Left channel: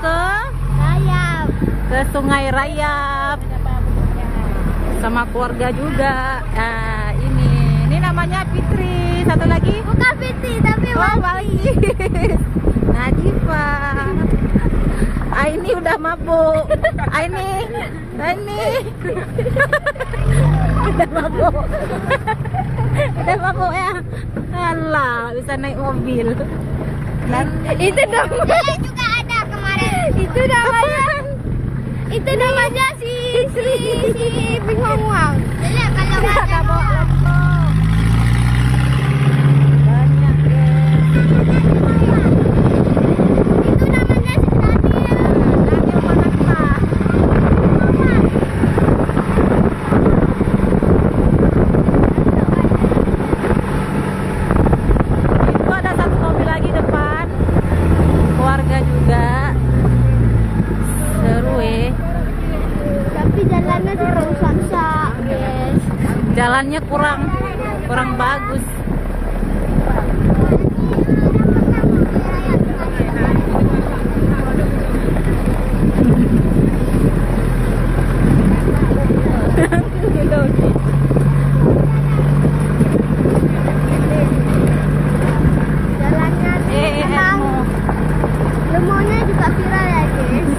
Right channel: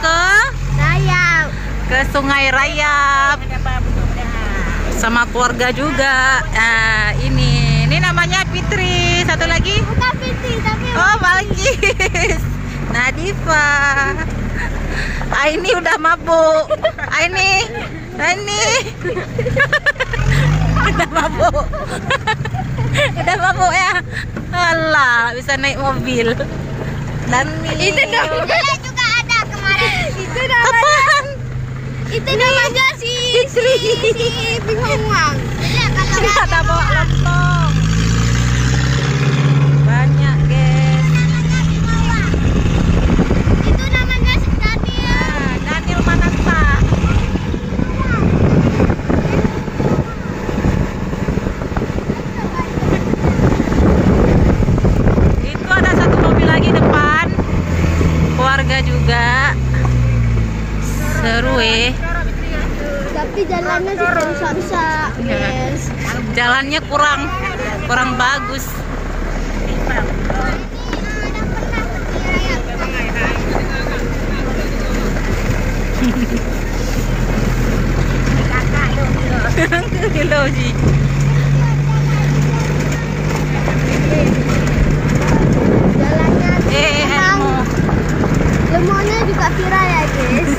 ke Rayap. ke Sungai Rayap sama keluarga juga. Ini namanya Fitri, satu lagi. Bukan Fitri, tapi Balkis. Nadifa. Ini udah mabuk. Ini udah mabuk. Udah mabuk ya. Alah, bisa naik mobil. Dan itu namanya juga ada kemarin. Itu namanya. Apaan? Itu namanya si Bingung. Tidak ada bawa lontong. Banyak guys. Itu namanya Daniel. Daniel Manata. Itu ada satu mobil lagi depan. Keluarga juga. Seru Tapi jalannya sih rusak-rusak, guys. Jalannya kurang bagus. Elmo. Lemonnya juga viral ya, guys.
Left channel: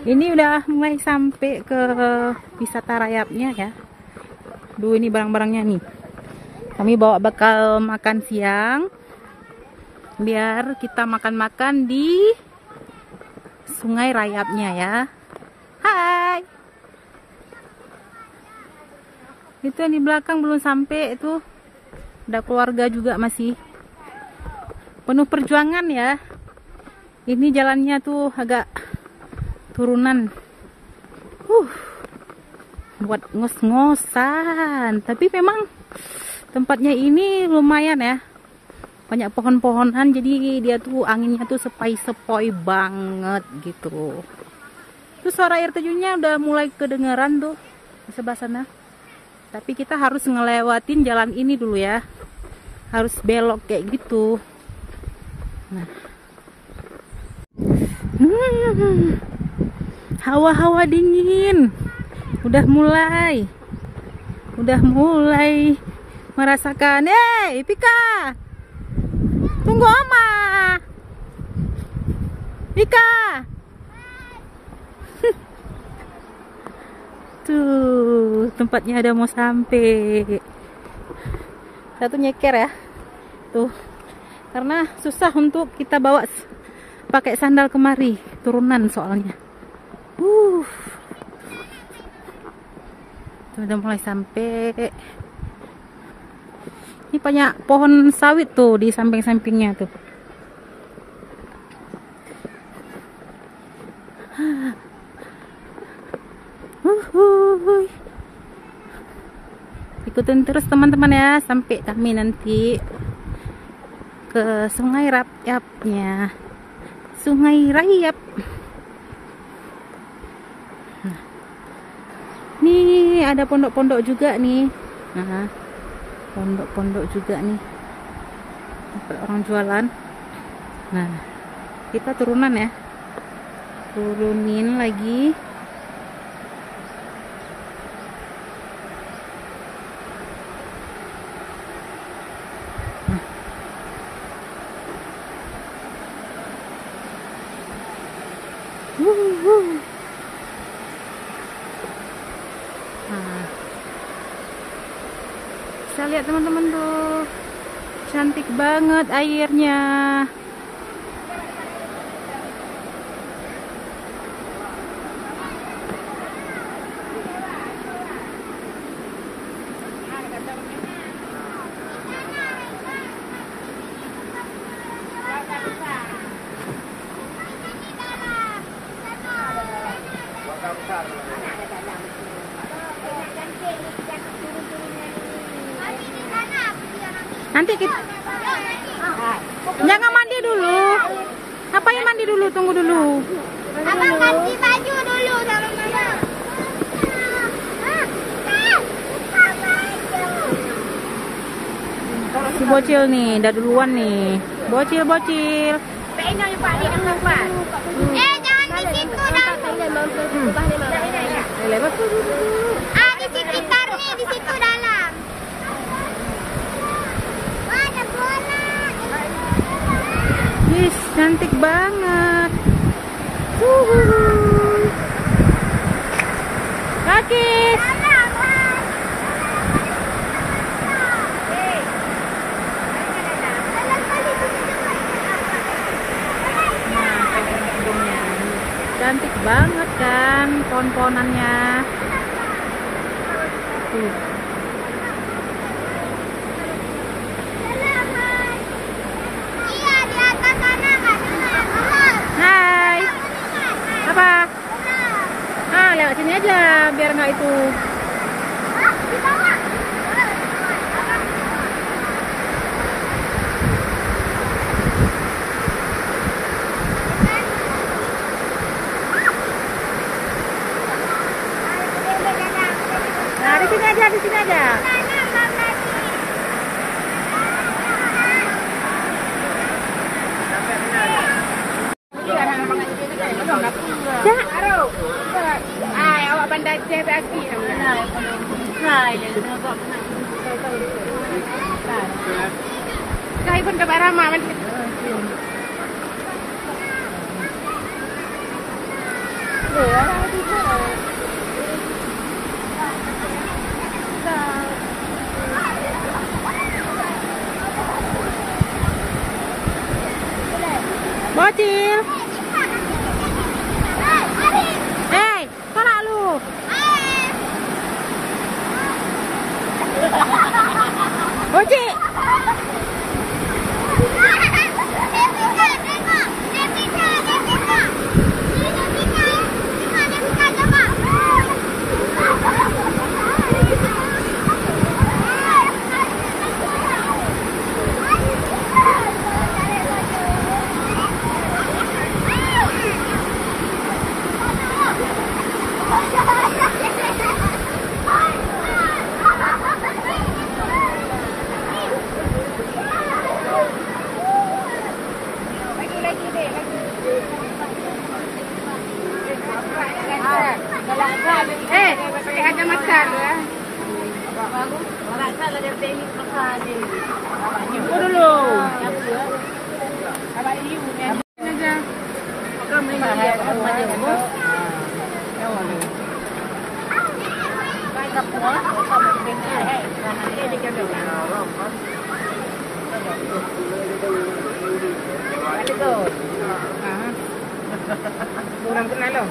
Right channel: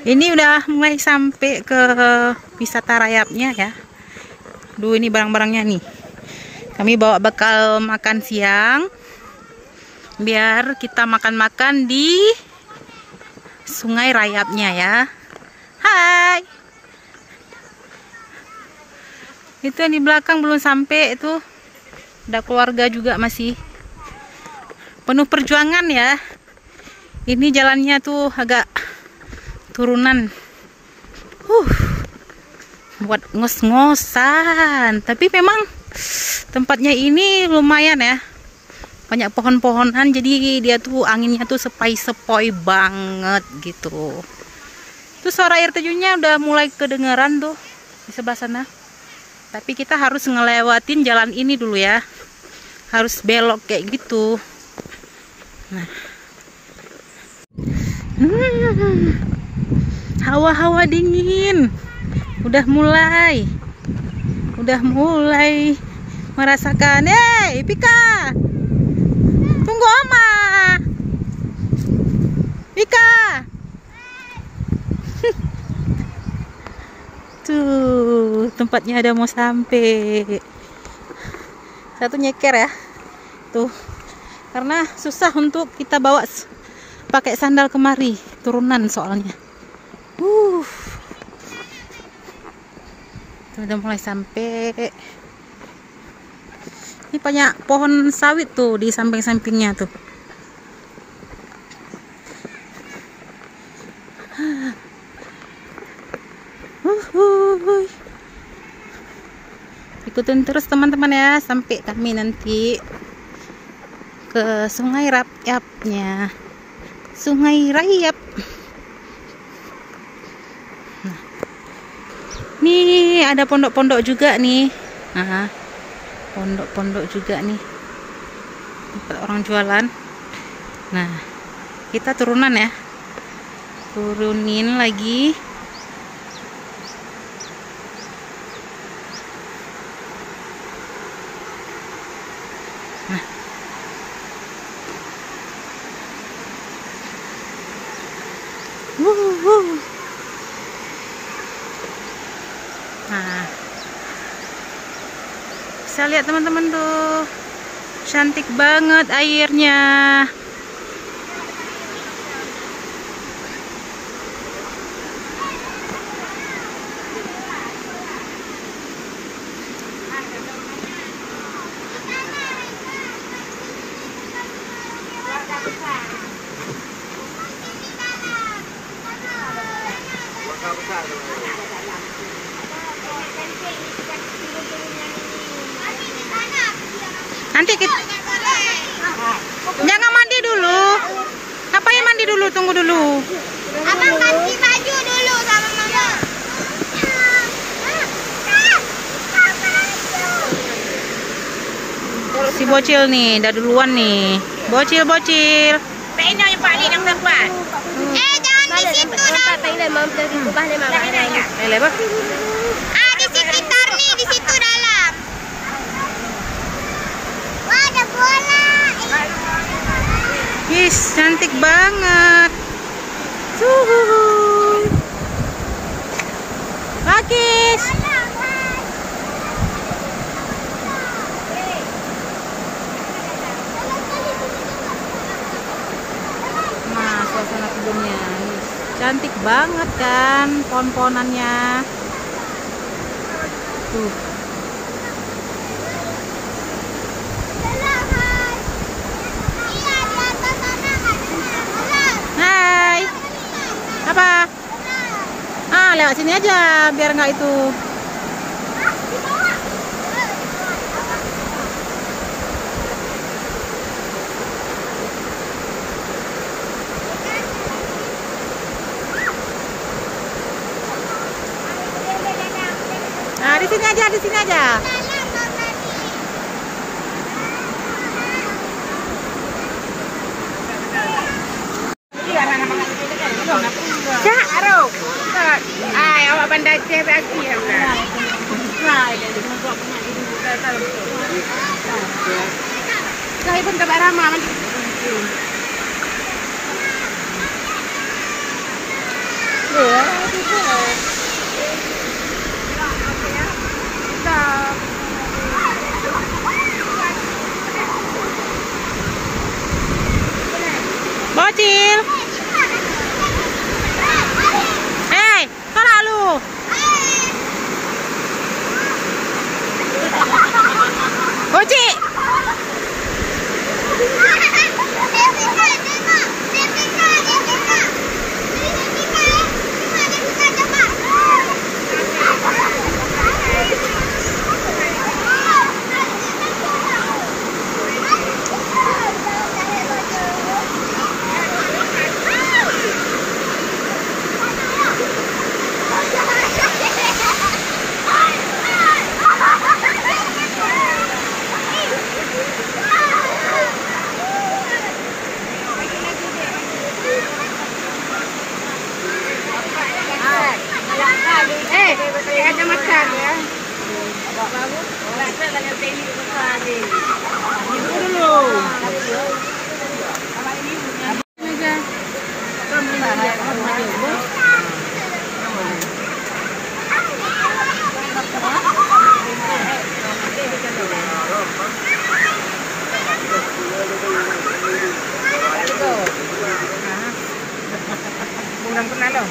Ini udah mulai sampai ke wisata Rayapnya ya. Duh, ini barang-barangnya nih. Kami bawa bekal makan siang. Biar kita makan-makan di Sungai Rayapnya ya. Hai. Itu yang di belakang belum sampai itu. Ada keluarga juga masih. Penuh perjuangan ya. Ini jalannya tuh agak turunan. Buat ngos-ngosan. Tapi memang tempatnya ini lumayan ya. Banyak pohon-pohonan, jadi dia tuh anginnya tuh sepoi-sepoi banget gitu. Tuh suara air terjunnya udah mulai kedengeran tuh di sebelah sana. Tapi kita harus ngelewatin jalan ini dulu ya. Harus belok kayak gitu. Nah. Hawa-hawa dingin. Udah mulai merasakan. Pika. Tunggu Oma. Pika. Tuh, tempatnya ada mau sampai. Satu nyeker ya. Tuh. Karena susah untuk kita bawa pakai sandal kemari, turunan soalnya. Udah mulai sampai. Ini banyak pohon sawit tuh di samping-sampingnya tuh. Ikutin terus teman-teman ya sampai kami nanti ke Sungai Rayapnya. Sungai Rayap. Nah. Nih ada pondok-pondok juga nih. Pondok-pondok juga nih. Tempat orang jualan. Nah, kita turunan ya. Turunin lagi. Nah. Nah. Bisa lihat teman-teman tuh. Cantik banget airnya. Nanti kita jangan mandi dulu. Apa yang mandi dulu? Tunggu dulu. Abang ganti baju dulu sama mama. Si bocil nih, udah duluan nih. Bocil. Jangan di situ dah. Lele apa? Di sekitar nih, di situ dalam. Wah, ada bola. Wis, cantik banget. Rakis. Nah, suasana gedungnya. Cantik banget kan pohon-pohonannya. Tuh. Iya, di atas sana ada. Hai. Apa? Lewat sini aja biar nggak itu. Nah, di sini aja. Bocil. Hei, tolak lu. Bocil. Pakai kacamata ya. Ibu dulu. Kurang pernah lo.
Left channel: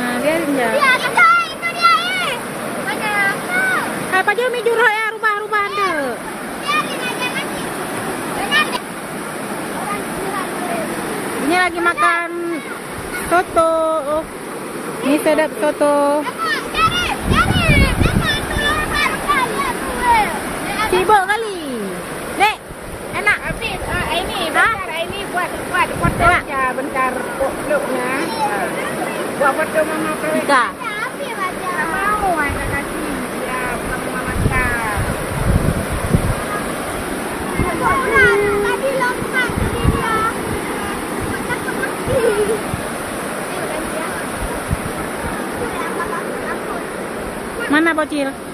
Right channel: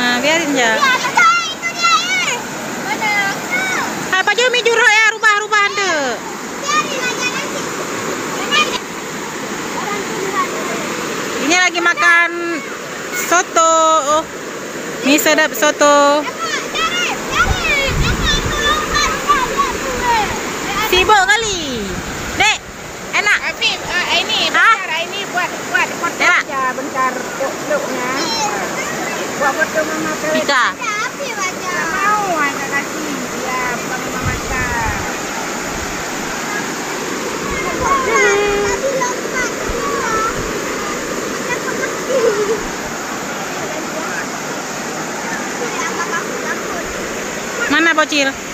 Nah, biarin ya. Apa aja mi juro ya rubah-rubah ande. Ini lagi makan soto. Oh, mie sedap soto. Sibuk kali. Dek, enak. Ini buat Enak. ya bentar peluknya. Buat foto mama peluk. Pika. Mau ada lagi. Ya. Mana bocil?